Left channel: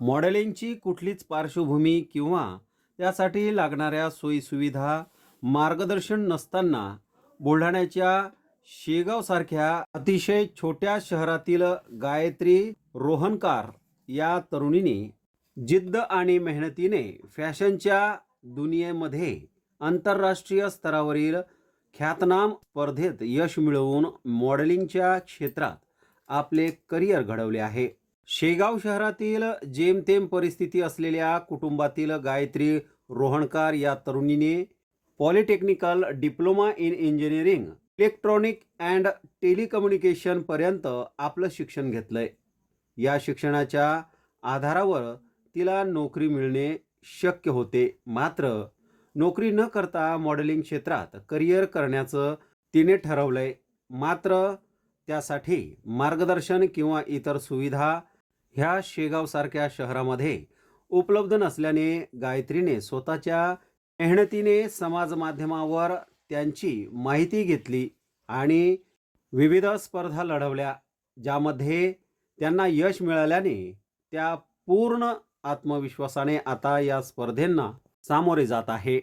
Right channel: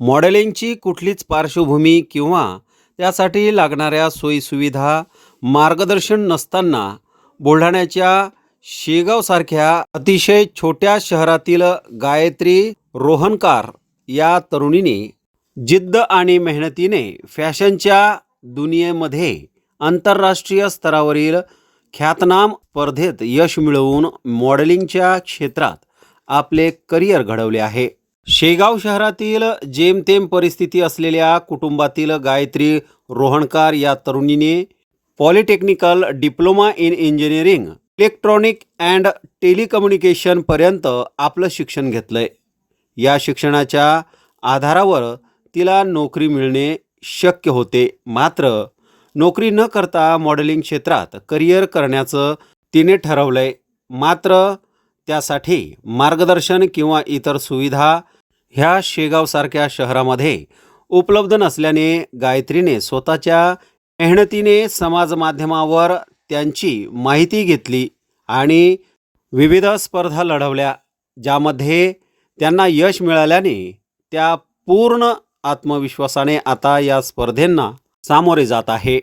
मॉडेलिंगची कुठलीच पार्श्वभूमी किंवा त्यासाठी लागणाऱ्या सोयीसुविधा मार्गदर्शन नसताना बुलढाण्याच्या शेगावसारख्या अतिशय छोट्या शहरातील गायत्री रोहनकार या तरुणीने जिद्द आणि मेहनतीने फॅशनच्या दुनियेमध्ये आंतरराष्ट्रीय स्तरावरील ख्यातनाम स्पर्धेत यश मिळवून मॉडेलिंगच्या क्षेत्रात आपले करिअर घडवले आहे. शेगाव शहरातील जेमतेम परिस्थिती असलेल्या कुटुंबातील गायत्री रोहणकार या तरुणीने polytechnical diploma in engineering electronic and टेलिकम्युनिकेशनपर्यंत आपलं शिक्षण घेतलंय. या शिक्षणाच्या आधारावर तिला नोकरी मिळणे शक्य होते. मात्र नोकरी न करता मॉडेलिंग क्षेत्रात करिअर करण्याचं तिने ठरवलंय. मात्र त्यासाठी मार्गदर्शन किंवा इतर सुविधा ह्या शेगावसारख्या शहरामध्ये उपलब्ध नसल्याने गायत्रीने स्वतःच्या मेहनतीने समाज माध्यमावर त्यांची माहिती घेतली आणि विविध स्पर्धा लढवल्या ज्यामध्ये त्यांना यश मिळाल्याने त्या पूर्ण आत्मविश्वासाने आता या स्पर्धेंना सामोरे जात आहे.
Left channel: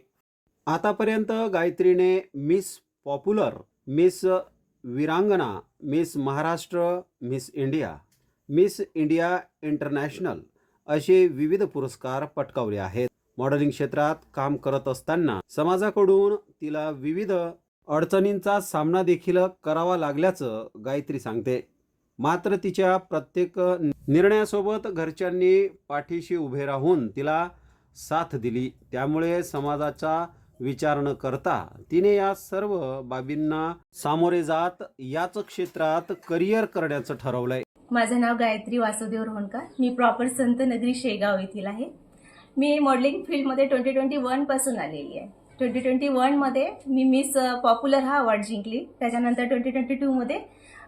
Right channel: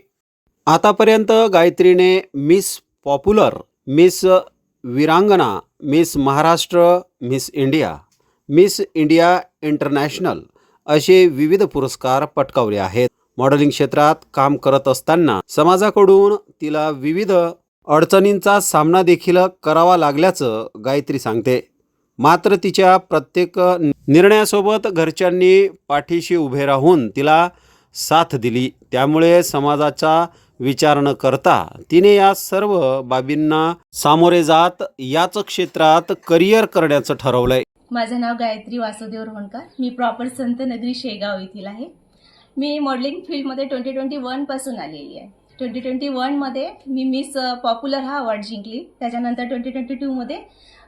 आतापर्यंत गायत्रीने Miss Popular Miss Virangana Miss Maharashtra Miss India Miss India International असे विविध पुरस्कार पटकावले आहेत. मॉडेलिंग क्षेत्रात काम करत असताना समाजाकडून तिला विविध अडचणींचा सामना देखील करावा लागल्याचं गायत्री सांगते. मात्र तिच्या प्रत्येक निर्णयासोबत घरच्यांनी पाठीशी उभे राहून तिला साथ दिली. त्यामुळे समाजाचा विचार न करता तिने या सर्व बाबींना सामोरे जात याच क्षेत्रात करिअर करण्याचं ठरवलंय. माझं नाव गायत्री वासुदेव रोहणकर. मी प्रॉपर संत नगरी शेगाव येथील आहे. मी मॉडेलिंग फील्डमध्ये ट्वेंटी ट्वेंटी वनपासून आलेली आहे. ट्वेंटी ट्वेंटी वनमध्ये मी मिस पॉप्युलर हा अवॉर्ड जिंकली. त्याच्यानंतर ट्वेंटी ट्वेंटी टूमध्ये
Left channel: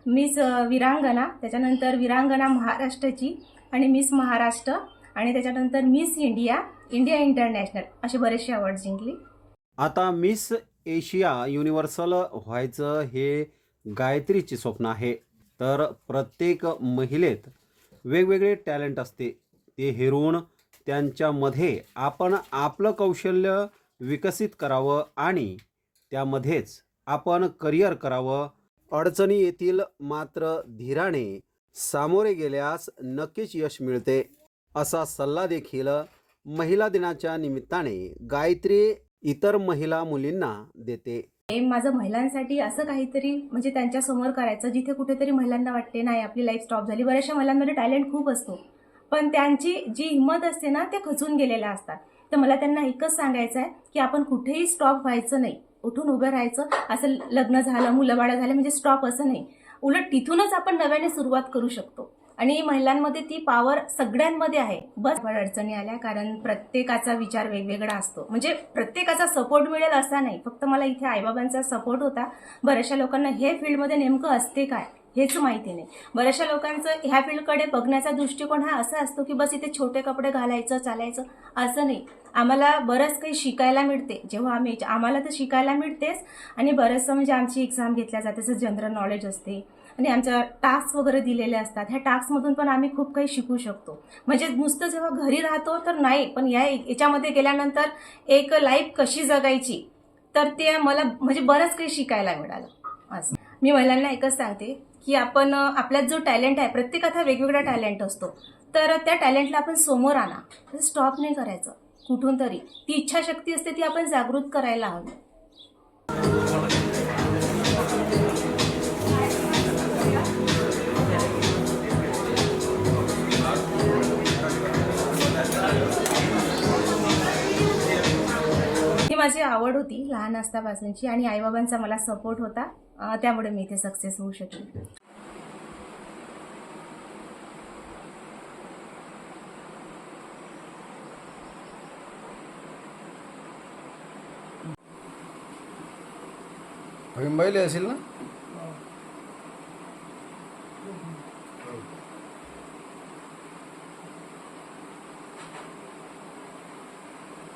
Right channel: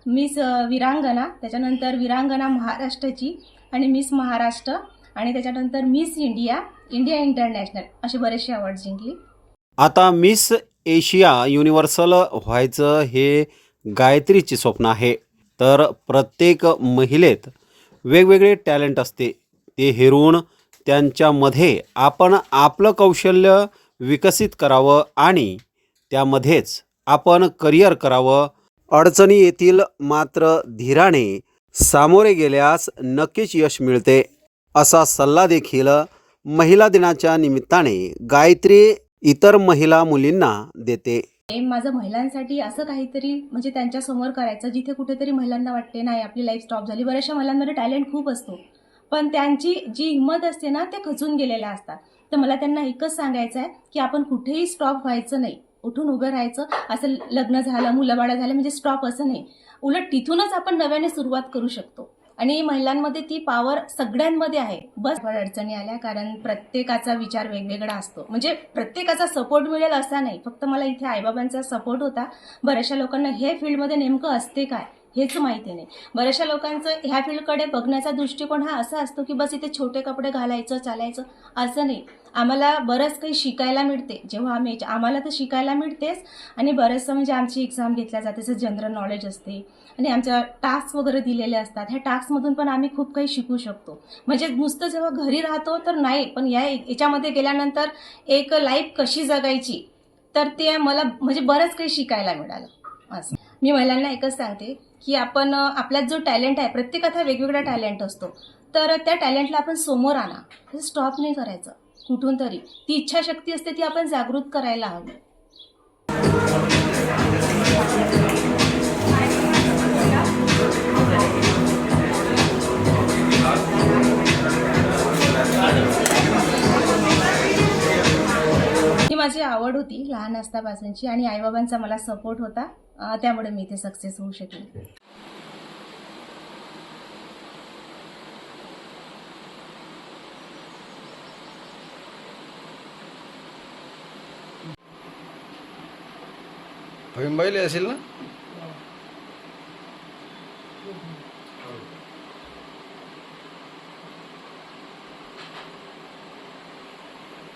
मिस विरांगना त्याच्यानंतर विरांगना महाराष्ट्राची आणि मिस महाराष्ट्र आणि त्याच्यानंतर मिस इंडिया इंडिया इंटरनॅशनल असे बरेचसे अवॉर्ड जिंकली. आता मिस एशिया युनिव्हर्सल व्हायचं हे गायत्रीचे स्वप्न आहे. तर प्रत्येक महिलेत वेगवेगळे टॅलेंट असते. ते हेरून त्यांच्यामध्ये आपण आपलं कौशल्य विकसित करावं आणि त्यामध्येच आपण करिअर करावं. अडचणी येतील मात्र धीराने सामोरे गेल्यास नक्कीच यश मिळते. असा सल्ला देखील महिला दिनाच्या निमित्ताने गायत्री इतर महिला मुलींना देते. माझं महिलांसाठी असं काहीतरी म्हणजे त्यांच्यासमोर करायचं जिथे कुठेतरी महिलांना वाटते नाही आपली लाईफ स्टॉप झाली. बऱ्याचशा महिलांमध्ये टॅलेंट खूप असतो. पण त्यांची जी हिंमत असते ना त्या खचून गेलेल्या असतात. तर मला त्यांना एकच सांगायचं आहे की आपण कुठेही स्टॉप व्हायचं नाही. उठून उभं राहायचं असं लग्न झालं मुलंबाळं झालं म्हणजे स्टॉप असं नाही. उलट तिथूनच आपण नव्याने सुरुवात करू शकतो. आणि महिलांमध्ये ती पॉवर सगळ्यांमध्ये आहे. बस अडचणी आल्या कारण प्रत्येकाचा विचार वेगवेगळा असतो. म्हणजे प्रत्येकाचा सपोर्ट मिळेल असा नाही. फक्त मला इथे आईबाबांचा सपोर्ट होता. बऱ्याचशा लोकांना हे फील्डमध्ये नेमकं असते काय? हेच माहिती नाही. बऱ्याचशा लोकांचं ह्या फील्डकडे बघण्याचा दृष्टिकोन हा असा असतो की बस इथे छोटे कपडे घालायचं चालायचं असं नाही. आम्हाला बरंच काही शिकायला मिळते. जेव्हा आम्ही आम्हाला तर शिकायला मिळतेच. आणि बरंचसं म्हणजे आमची एक्झाम घेतल्या जाते. जसं जनरल नॉलेज असते. आणि आमच्या टास्क वगैरे दिलेले असतात. ह्या टास्कमधून पण आम्ही खूप काही शिकू शकतो. म्हणजे नुसतं जेव्हा घरी राहतो तर नाही पण या याच्यामध्ये गेल्यानंतर एक लाईफ कशी जगायची तर ते मला म्हणजे बरंच काही शिकायला मिळालं. असं. मी महिलांना एकच सांगते की आपण आपल्यात जो टॅलेंट आहे प्रत्येकात हा वेगवेगळा टॅलेंट असतो. तर त्या टॅलेंटला आपण समोर आणा. स्टॉप नाही करायचं. कुठून तरी. ती इच्छाशक्ती असते ती आपण जागृत करायला हवी. माझी आवड होती लहान असतापासूनची आणि आईबाबांचा मला सपोर्ट होता. त्यामुळे मी इथे सक्सेस होऊ शकले. भीमबाईले असेल ना?